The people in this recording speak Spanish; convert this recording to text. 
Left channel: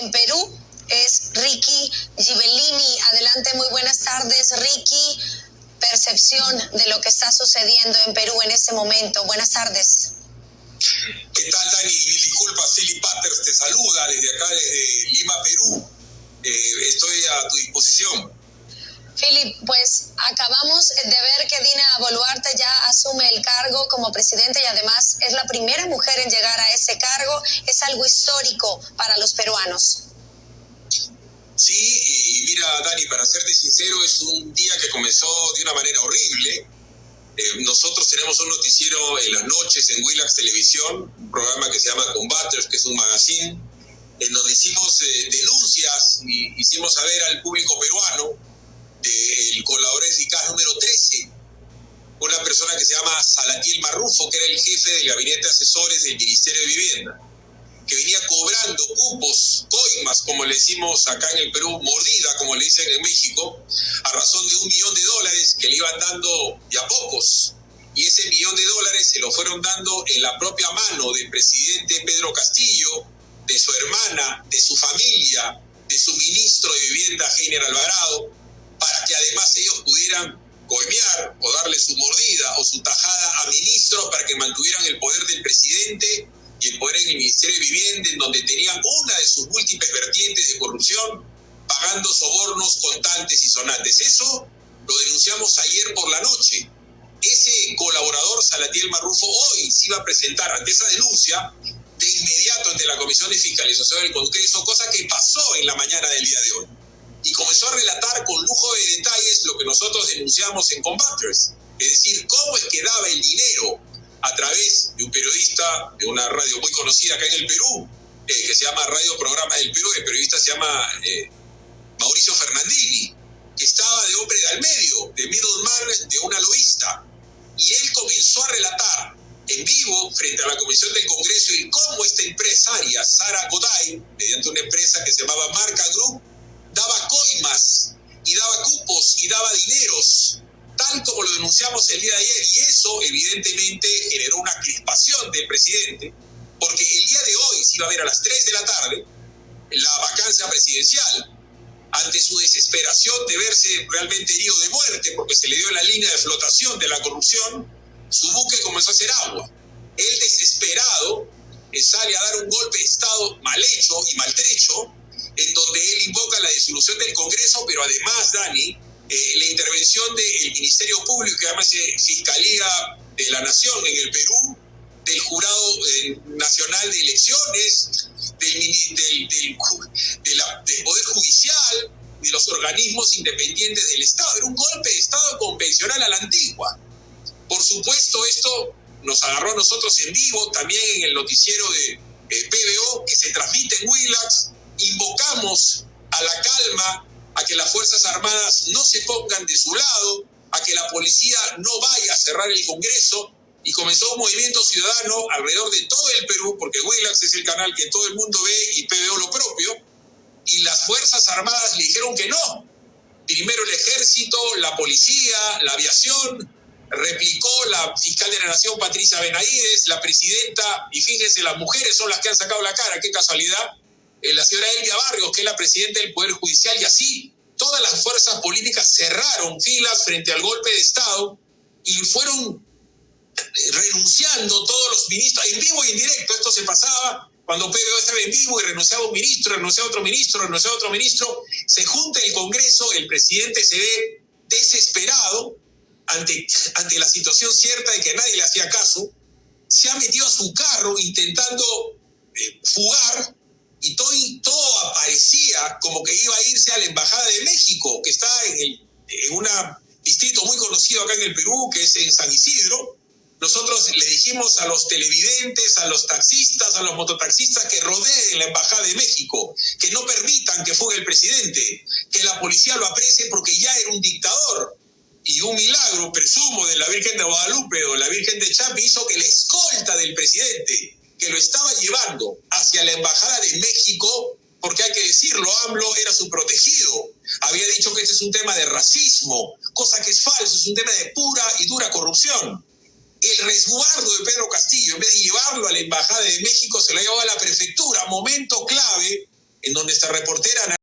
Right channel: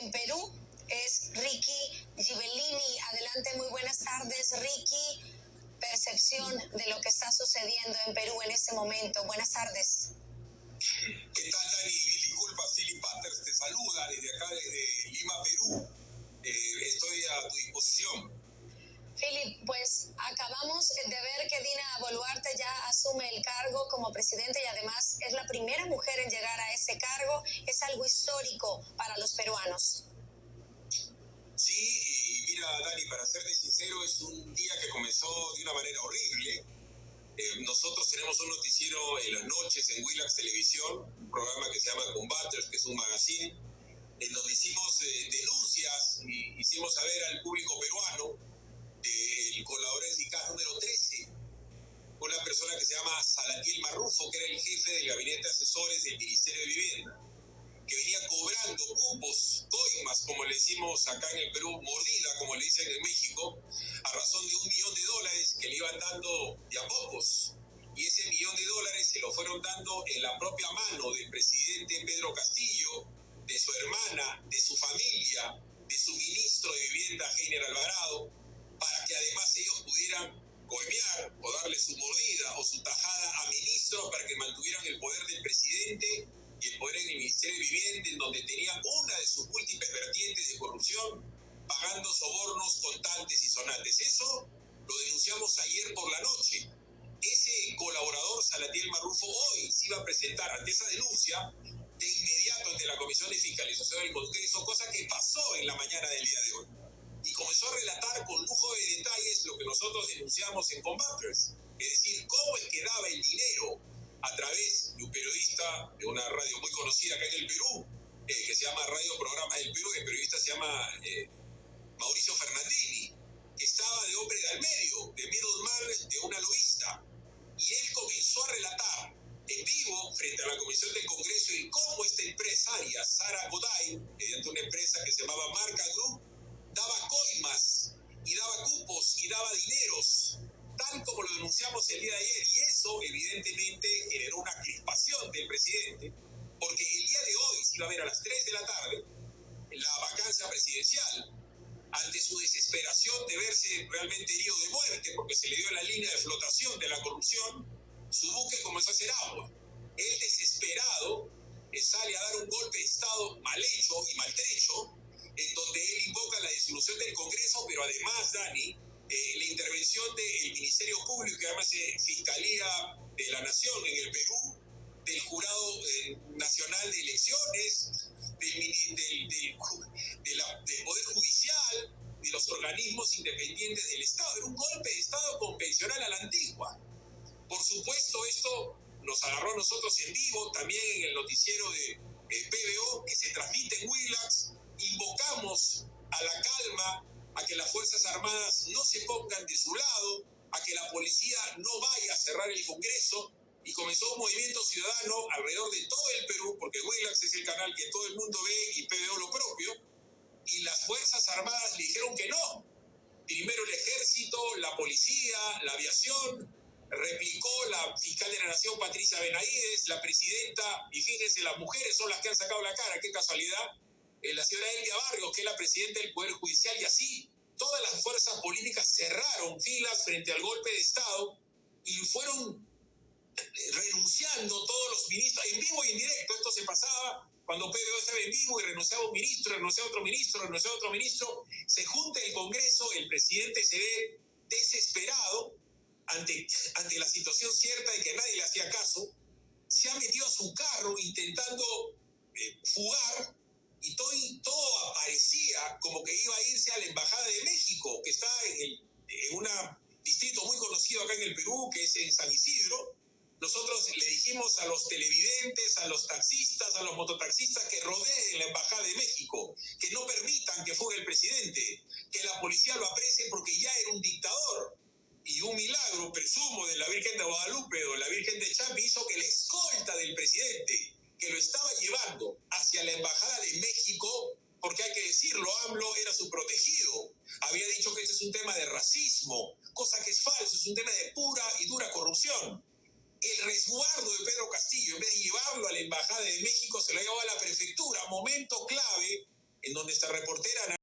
en Perú es Ricky Ghibellini. Adelante, muy buenas tardes, Ricky. Percepción de lo que está sucediendo en Perú en este momento. Buenas tardes. ¿Qué tal, Dani? Disculpa, Philip Patters te saluda desde acá, desde Lima, Perú. Estoy a tu disposición. Philip, pues acabamos de ver que Dina Boluarte ya asume el cargo como presidenta y además es la primera mujer en llegar a ese cargo. Es algo histórico para los peruanos. Sí, y mira, Dani, para serte sincero, es un día que comenzó de una manera horrible. Nosotros tenemos un noticiero en las noches en Willax Televisión, un programa que se llama Combaters, que es un magazine, en donde hicimos denuncias y hicimos saber al público peruano del colaborador eficaz número 13, una persona que se llama Salatiel Marrufo, que era el jefe del gabinete de asesores del Ministerio de Vivienda, que venía cobrando cupos, coimas, como le decimos acá en el Perú, mordida, como le dicen en México, a razón de $1 millón que le iban dando de a pocos. Y ese $1 millón se lo fueron dando en la propia mano del presidente Pedro Castillo, de su hermana, de su familia, de su ministro de Vivienda, Heiner Alvarado, para que además ellos pudieran coimear o darle su mordida o su tajada a ministros para que mantuvieran el poder del presidente y el poder en el Ministerio de Vivienda, en donde tenían una de sus múltiples vertientes de corrupción, pagando sobornos contantes y sonantes. Eso lo denunciamos ayer por la noche. Ese colaborador, Salatiel Marrufo, hoy se iba a presentar ante esa denuncia de inmediato ante la Comisión de Fiscalización del Congreso, cosa que pasó en la mañana del día de hoy. Y comenzó a relatar con lujo de detalles lo que nosotros denunciamos en Combaters, es decir, cómo es que daba el dinero a través de un periodista de una radio muy conocida acá en el Perú, que se llama Radio Programa del Perú. El periodista se llama Mauricio Fernandini, que estaba de hombre de al medio, de middleman, de una lobista. Y él comenzó a relatar en vivo frente a la Comisión del Congreso y cómo esta empresaria, Sara Goday, mediante una empresa que se llamaba Marca Group, daba coimas y daba cupos y daba dineros, tal como lo denunciamos el día de ayer. Y eso evidentemente generó una crispación del presidente, porque el día de hoy se iba a ver a las 3 de la tarde la vacancia presidencial. Ante su desesperación de verse realmente herido de muerte porque se le dio la línea de flotación de la corrupción, su buque comenzó a hacer agua. Él, desesperado, sale a dar un golpe de Estado mal hecho y maltrecho, en donde él invoca la disolución del Congreso, pero además, Dani, la intervención del Ministerio Público, que además es Fiscalía de la Nación en el Perú, del Jurado Nacional de Elecciones, del Poder Judicial, de los organismos independientes del Estado. Era un golpe de Estado convencional a la antigua. Por supuesto, esto nos agarró a nosotros en vivo, también en el noticiero de PBO, que se transmite en Willax. Invocamos a la calma, a que las Fuerzas Armadas no se pongan de su lado, a que la policía no vaya a cerrar el Congreso, y comenzó un movimiento ciudadano alrededor de todo el Perú, porque Willax es el canal que todo el mundo ve y PBO lo propio, y las Fuerzas Armadas le dijeron que no. Primero el Ejército, la policía, la aviación, replicó la fiscal de la Nación, Patricia Benavides, la presidenta, y fíjense, las mujeres son las que han sacado la cara, qué casualidad, la señora Elvia Barrios, que es la presidenta del Poder Judicial, y así todas las fuerzas políticas cerraron filas frente al golpe de Estado y fueron renunciando todos los ministros, en vivo y en directo. Esto se pasaba cuando PBO estaba en vivo y renunciaba un ministro, renunciaba otro ministro, renunciaba otro ministro. Se junta el Congreso, el presidente se ve desesperado ante la situación cierta de que nadie le hacía caso, se ha metido a su carro intentando fugar, y todo aparecía como que iba a irse a la Embajada de México, que está en un distrito muy conocido acá en el Perú, que es en San Isidro. Nosotros le dijimos a los televidentes, a los taxistas, a los mototaxistas que rodeen la Embajada de México, que no permitan que fugue el presidente, que la policía lo aprecie porque ya era un dictador. Y un milagro, presumo, de la Virgen de Guadalupe o la Virgen de Chapi hizo que la escolta del presidente, que lo estaba llevando hacia la Embajada de México, porque hay que decirlo, AMLO era su protegido, había dicho que este es un tema de racismo, cosa que es falso, es un tema de pura y dura corrupción. El resguardo de Pedro Castillo, en vez de llevarlo a la Embajada de México, se lo llevó a la prefectura, momento clave en donde nuestra reportera